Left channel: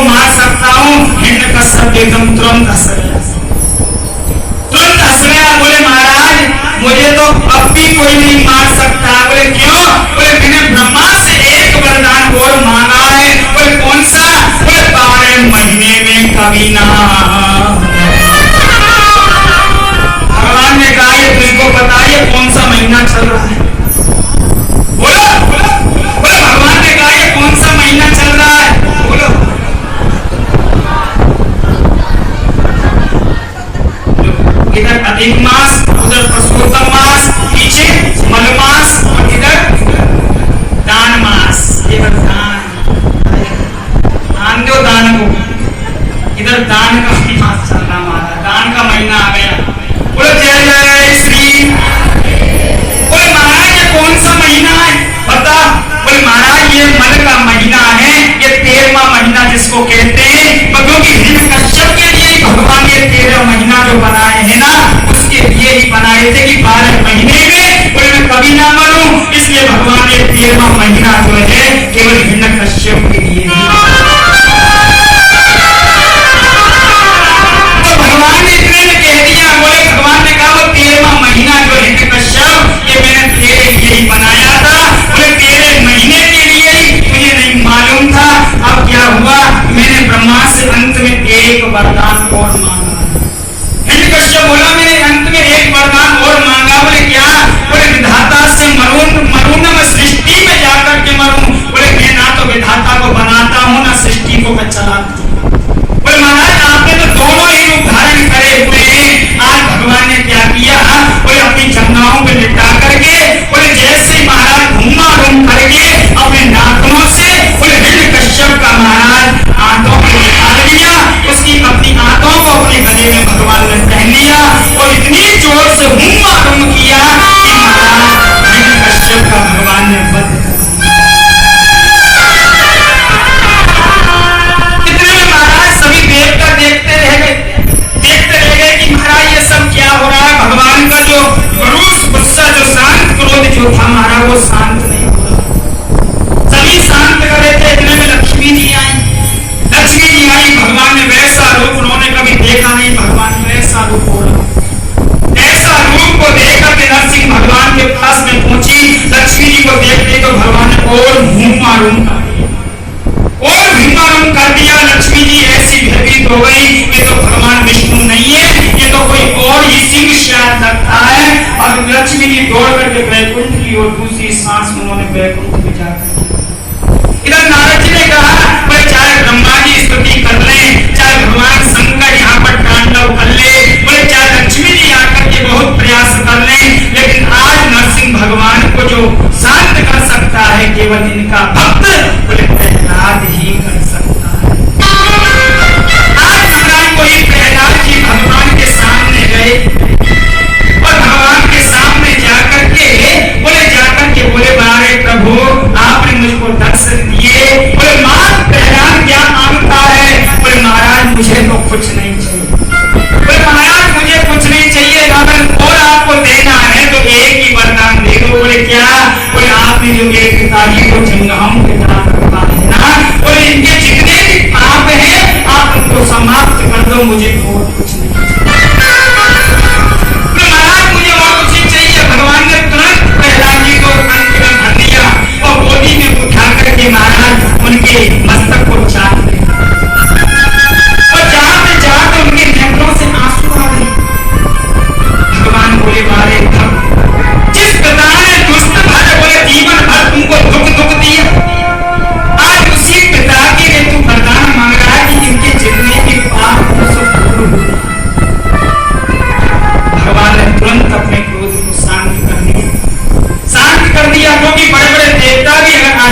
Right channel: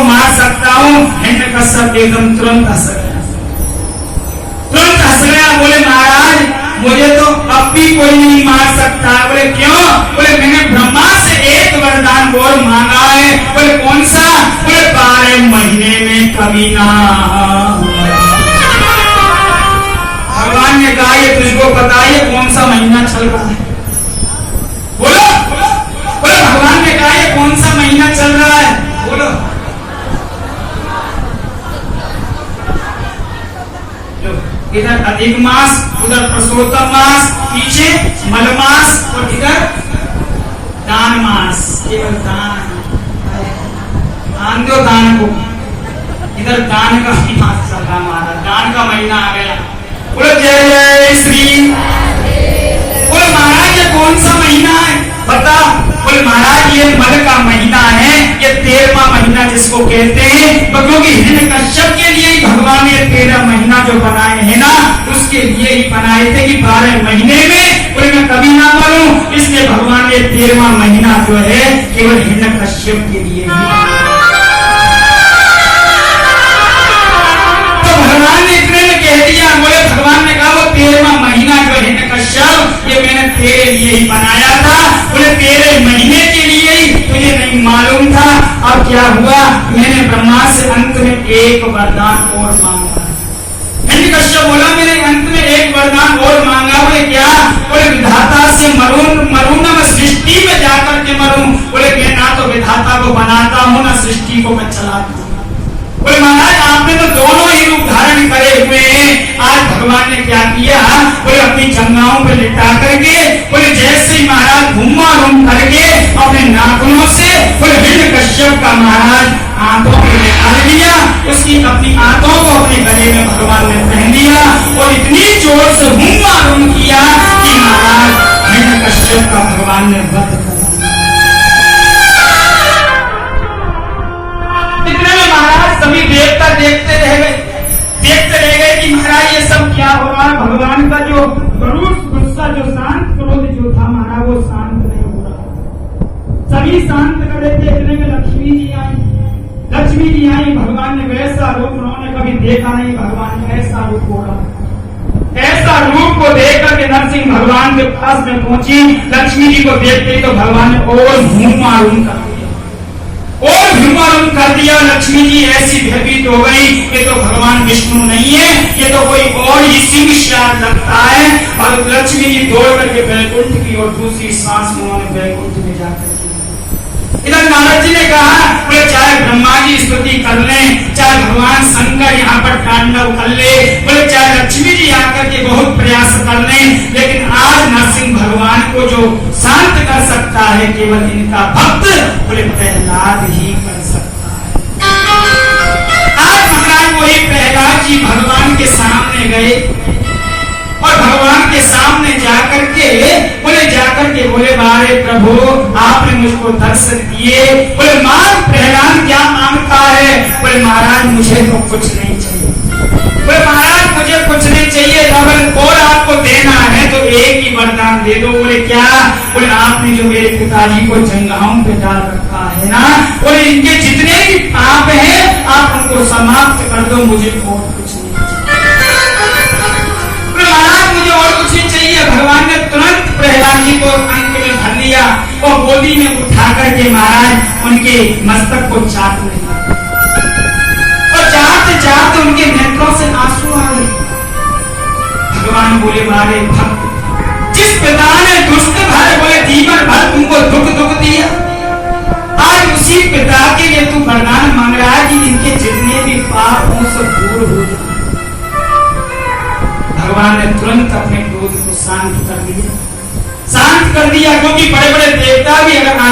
को मार सकता हूँ। हिरण्यकश्यप एकदम तुरंत हंस गया। बोले महाराज मुझे तो अब भी कोई नहीं मार सकता। बोले क्यों? बोले मैंने ब्रह्मा से एक वरदान और मांगा है। बोले कौन सा? बोले 12 महीने में कभी ना। भगवान ने कहा ये तुझको बताइए कौन सा महीना चल रहा है? बोलो बोलो। भगवान ने कहा ये कौन सा महीना चल रहा है? बोलो। इधर अधिक मास, उधर पुरुषोत्तम मास, पीछे मलमास और इधर दान मास। केवल दान दो दान को। इधर दान का मास चल रहा महाराज, दान का महीना आ गया। बोलो जय जय श्री। बोले महाराज ये कौन सा महीना है बता? बोले महाराज ये मल का महीना है, ये 13वां महीना जिसको कहते हैं। क्योंकि हिरण्यकश्यप के लिए ही भगवान ये 13 महीना जो बनाए हैं ना, उसके लिए ही बनाए थे कि 12 महीने में बोले मैं कभी ना मरूं। इसलिए भगवान ने 13वां महीना जो है केवल हिरण्यकश्यप के लिए ही। तो भगवान ने इतने में कह दिया। बोले भगवान ने कहा 13वां महीना जो हिरण्यकश्यप ये मैंने तेरे लिए ही बनाया था। बोले 13 महीने के लिए ही, तुझे नहीं मालूम था। अब क्या हुआ? मैंने ब्रह्मा से अंत में एक वरदान और मांगा। हिरण्यकश्यप बोला मैंने अंत में एक वरदान और मांगा। बोले क्या? बोले विधाता से मरूं ना मैं सृष्टि में जाकर के मरूं। बोले मैं ना तो विधाता को बनाता हूँ ना सृष्टि को मैं चलाता हूँ। बोले महाराज आपने तो दोनों ही रूप धारण करे हुए हैं। आज भगवान ने क्या किया? बोले अपनी जंघाओं पे लिटा करके, बोले जैसे महाराज घूमा घूम करके अपने नाखूनों से बोले हिरण्यकश्यप का महाराज आंखों को निकाल दिया। उसकी अपनी आंखों को अपने गले में भगवान ने पहन लिया और इतनी जोर से घूमा घूम किया कि महाराज हिरण्यकश्यप का भगवान ने वध कर। सभी देवता देखते रह गए कि महाराज ये सब क्या हो रहा है। भगवान का जो रोष गुस्सा जो शांत क्रोध जो था महाराज वो शांत नहीं हुआ। सभी शांत कर रहे थे। इतने में लक्ष्मी जी आई। भगवान ने वैसा रूप उन्होंने कभी देखा नहीं। भगवान ने ऐसा रूप हो रहा, ऐसा रूप को देखकर के नरसिंह भगवान के पास में पहुंची। लक्ष्मी जी को देखते तो भगवान ने और घूम कर दिया। लक्ष्मी जी ऐसी भयभीत हो गई ये तो भगवान विष्णु नहीं है, ये तो कोई और ही सिंह शायद लगता है। और लक्ष्मी जी दौड़ करके बैकुंठ की और दूसरी सांस में उन्होंने बैकुंठ में जाकर इधर नारद जी ने कहा बोले चाहे ब्रह्मा जी स्तुति कर लें, चाहे भगवान शंकर यहाँ पर तांडव कर ले, बोले चाहे लक्ष्मी जी आकर के बहुत प्रयास कर लें, लेकिन आज नरसिंह भगवान को जो शांत कर सकता है केवल इनका भक्त बोले प्रहलाद ही कर सकता है। आज महाराज वही प्रहलाद जी भगवान के सामने गए और भगवान के सामने जाकर के बोले बारे प्रभु आपने मुझको दर्शन दिए। बोले मान प्रहलाद क्या मांगता है? बोले महाराज मुझे तो कुछ नहीं चाहिए। बोले महाराज मुझे कुछ नहीं चाहिए, अगर और आपको देना है तो एक ही वरदान दे दो। बोले क्या? बोले आपने जो मेरे पिताजी को जंघाओं के दान रखा है ना, बोले इनके जितने भी पाप है आप उनको समाप्त कर दो, मुझे और कुछ नहीं चाहिए। बोले महाराज मुझे और कुछ नहीं चाहिए। भगवान ने तुरंत प्रहलाद जी को अंत में धर लिया और गोदी में उठा करके महाराज उनके मस्तक को चाट लिया और जाते उनके नेत्रों से आंसू आ गए। भगवान बोले मारे भक्त जिस पिता ने दुष्ट भर बोले जीवन भर तुमको दुख दिया, आज उसी पिता के लिए तू वरदान मांग रहा है कि इनके जितने भी पाप हो सब दूर हो। भगवान ने तुरंत अपने क्रोध को शांत कर दिया क्योंकि बड़े बड़े देवता भी अगर आ